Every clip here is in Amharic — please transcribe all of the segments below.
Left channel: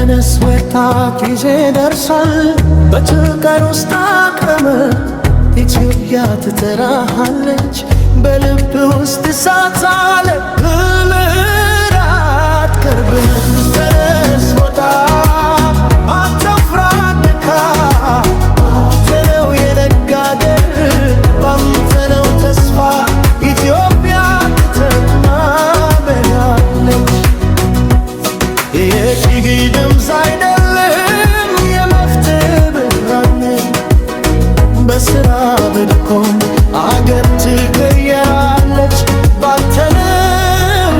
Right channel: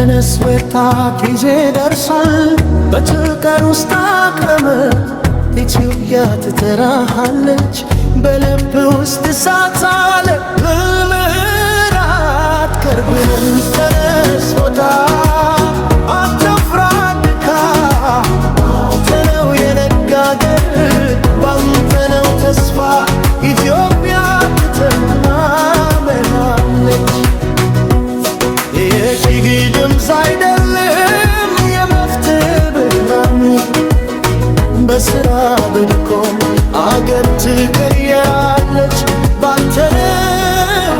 ተነስ ወጣት ጊዜ ደርሷል በጭንቀት ውስጥ አቅርመህ ኢትዮጵያ ትጠራሃለች በልብ ውስጥ እሳት አለ ልልራት ቅርብህን ተነስ ወጣት አትፍራ ድካም ባንተ ነው የነጋ አገር ባንተ ነው ተስፋ ኢትዮጵያ ትተማመናለች የሺህ ድምፅ አይደለም የመፍትሄ ብርሃን በስራ በድካም አገር ትቀየራለች ባንተ ነው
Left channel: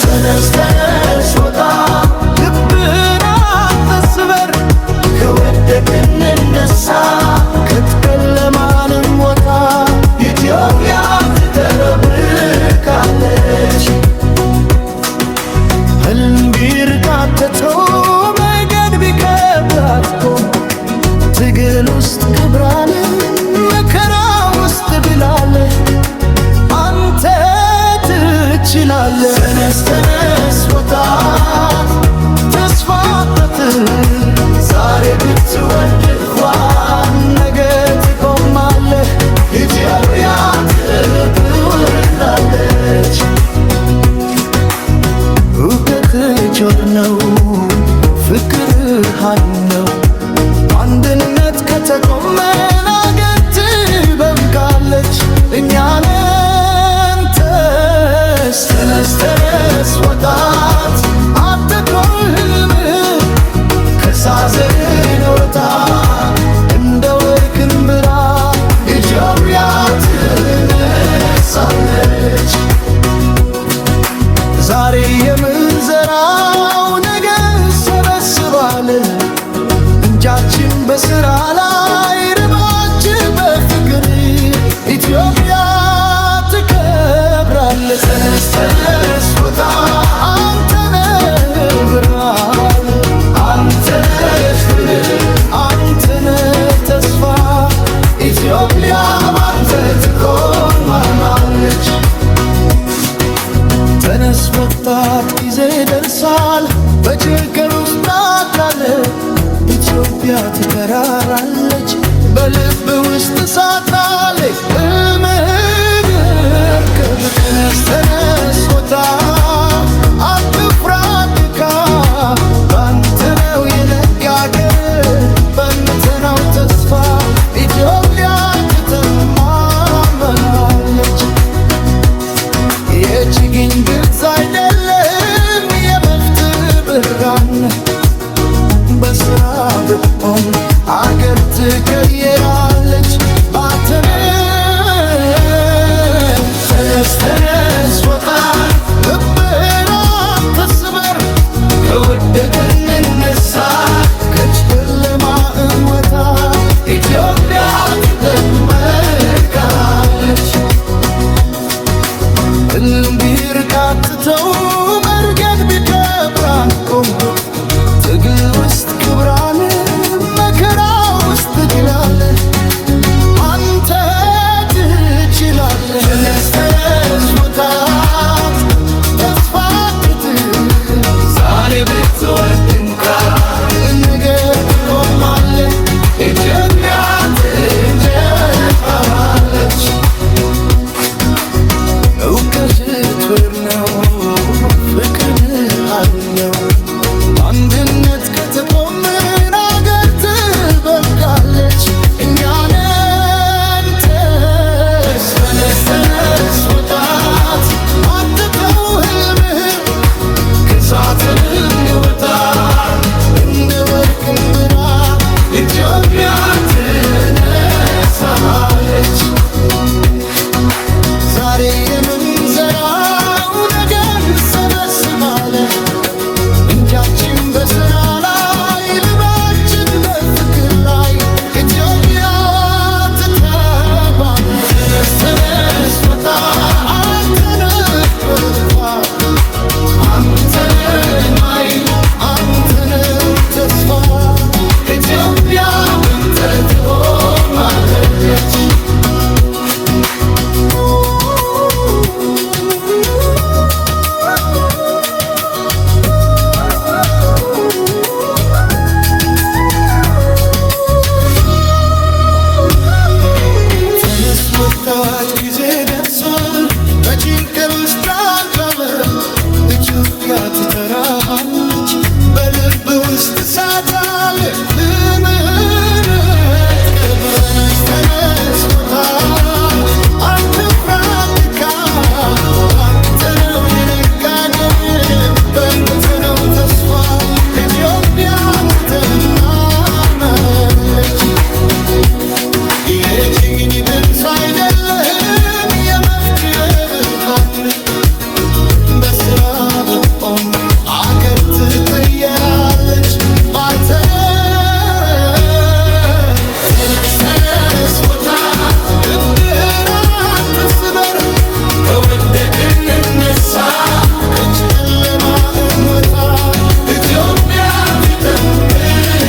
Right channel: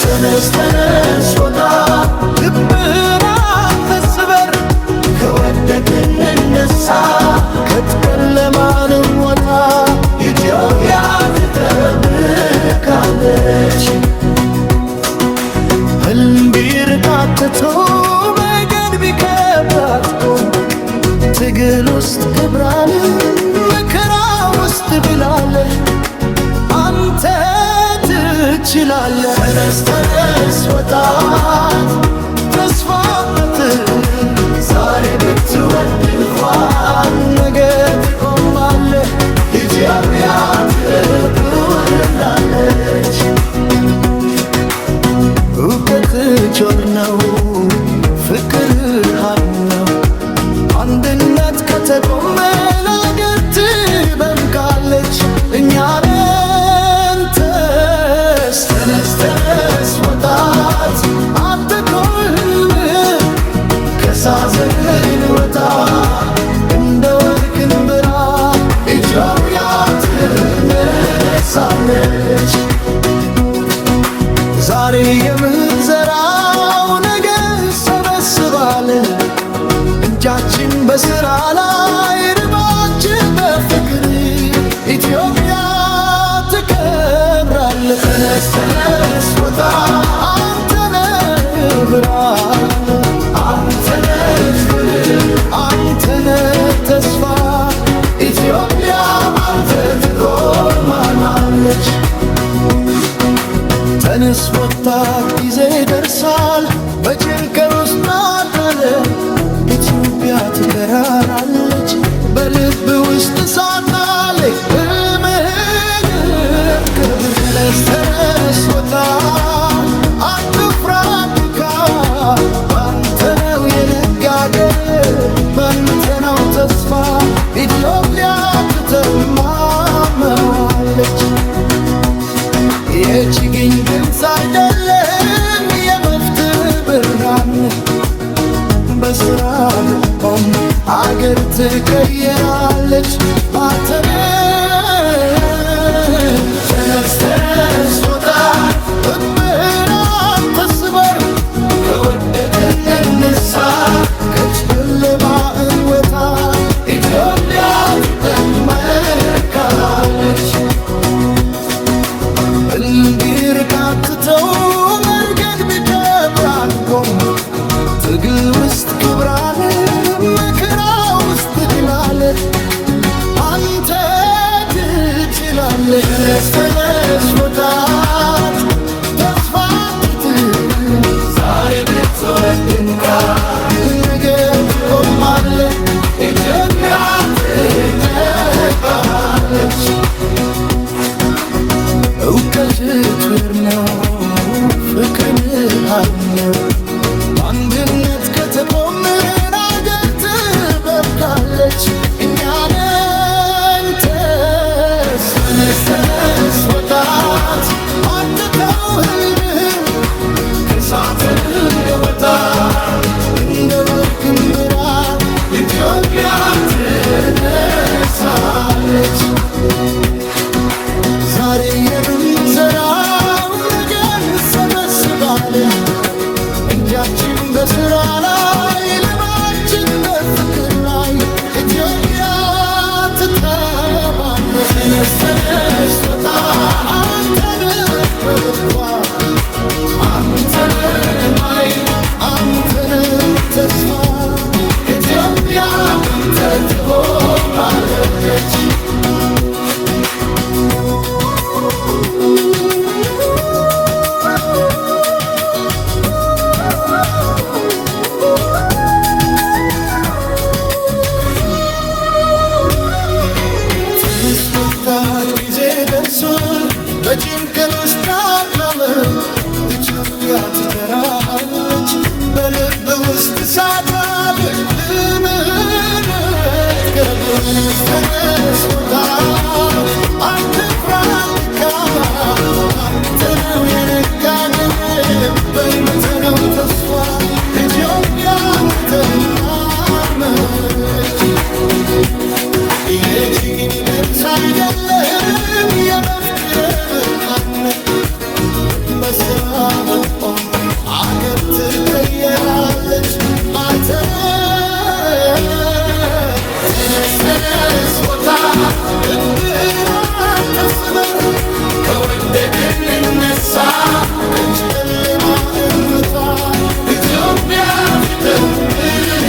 ተነስ ተነስ ወጣት ልብህን አትስበር ከወደቅን እንነሳ ከጨለማንም ወጣ ኢትዮጵያ ትተረብካለች ህልም ቢርቃትቶ መንገድ ቢከብድ ቆም ትግል ውስጥ ክብር አለ መከራ ውስጥ ድል አለ አንተ ትችላለህ ተነስ ተነስ ወጣት ተስፋ ዛሬ ብትወድቅ እንኳን ነገ ትቆማለህ ኢትዮጵያ ትኖራለች እውቀት ጆር ነው ፍቅር ኃይል ነው አንድነት ከተቆመን አገር ትበምቃለች እኛ ነን ተነስ ተነስ ወጣት አትተው ህልምህ ከሳዘን ወጣ እንደ ወርቅን ብራ ኢትዮጵያ ትነሳለች ዛሬ የምንዘራው ነገ እንሰበስባለን እጃችን በሥራ ላይ ርባችን በፍቅር ኢትዮጵያ ትከብራለች ተነስ ተነስ ወጣት አንተ ነህ ብርሃን አንተ ነህ አንተ ነህ ተስፋ ኢትዮጵያ ባንተ ትቆማለች ተነስ ወጣት ጊዜ ደርሷል በጭንቀት ውስጥ ናት ኢትዮጵያ ትጠራራለች በልብ ውስጥ እሳት አለ እምድር ክብር ተነስ ተነስ ወጣት አትፍራ ድካም ባንተ ነው የነጋ አገር ባንተ ነው ተስፋ ኢትዮጵያ ትተማመናለች የችግኝ ድምፅ አይደለም የመፍትሄ ብርሃን በስራ ብቆም አገር ትቀየራለች ባንተ ተነስ ተነስ ወጣት ልብህን አትስበር ከወደቅን እንነሳ ከጨለማ እንወጣ ኢትዮጵያ ትደምቃለች ህልም ቢርቃትተው መንገድ ቢከብድ አንቆም ትግል ውስጥ ክብር አለ መከራ ውስጥ ድል አለ አንተ ትችላለህ ተነስ ተነስ ወጣት ተስፋ ዛሬ ብትወድቅ እንኳን ነገ ትቆማለህ ኢትዮጵያ ትኖራለች እውቀት ትር ነው ፍቅርን ኃይል ነው አንድነት ከተቆምን አገር ትበምቃለች እኛ ነን ተነስ ተነስ ወጣት አትተው ህልምህ ከእሳት እንወጣ እንደ ወርቅን ብራ ኢትዮጵያ ትነሳለች ዛሬ የምንዘራው ነገ እንሰበስባለን እጃችን በሥራ ላይ ልባችን በፍቅር ላይ ኢትዮጵያ ትተባለች ተነስ ተነስ ወጣት አንተ ነህ ብርሃን አንተ ነህ ኃይል አንተ ነህ ተስፋ ኢትዮጵያ ባንተ ትቆማለች ጊዜ ደርሶ በጭንቀት ውስጥ ላለ ኢትዮጵያ ትጠራሃለች። በልብ ውስጥ እሳት አለ ልምህነት ገብረነስ ተነስ ውጣ አትፍራ ድካም ባንተ ነው የነጋገር በአንተ ነው ተስፋ ኢትዮጵያ ትተማመናለች። የችግኝ ድምፅ አይደለህም የመፍትሄ ብርሃን በስራ ብትቆም አገር ትቀየራለች ባንተ ተነስ ተነስ ውጣ ልብህን አትስበር ከወደቅን እንነሳ ከጨለማ እንውጣ ኢትዮጵያ ትጠምቃለች።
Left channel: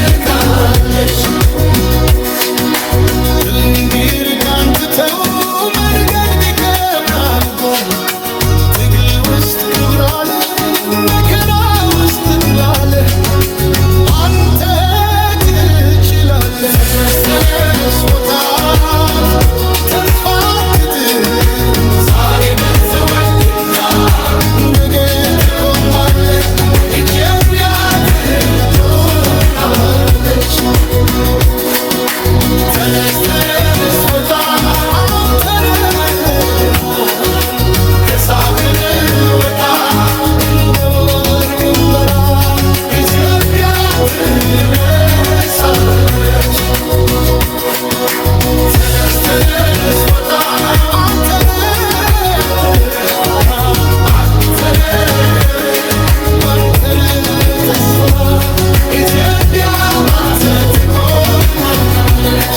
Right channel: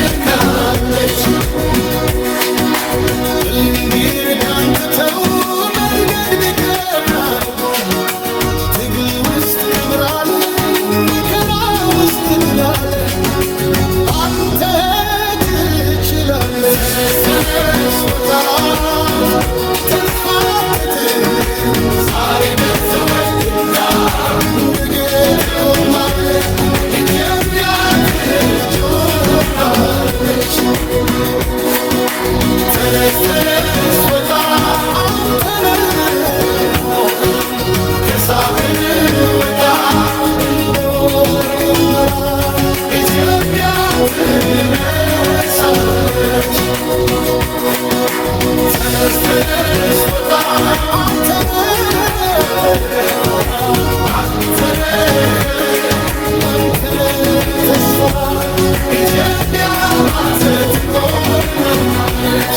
እንዲርቃን ትተው መንገድ ቢከብድ አንጎም ትግል ውስጥ ክብር አለ መከራ ውስጥ ድል አለ አንተ ትችላለህ። ተነስ ተነስ ወጣት ተስፋ አትጥል ዛሬ ብትወድቅ ነገ ትቆማለህ ኢትዮጵያ ትኖራለች። ተነስ ተነስ ወጣት አንተ ነህ ብርሃን ከዛፍን ውጣ እንደ ወርቅም በራ ኢትዮጵያ ትነሳለች። ተነስ ተነስ ወጣ አንተ ነህ ብርሃን አንተ ነህ ተስፋ ኢትዮጵያ ትቆማለች።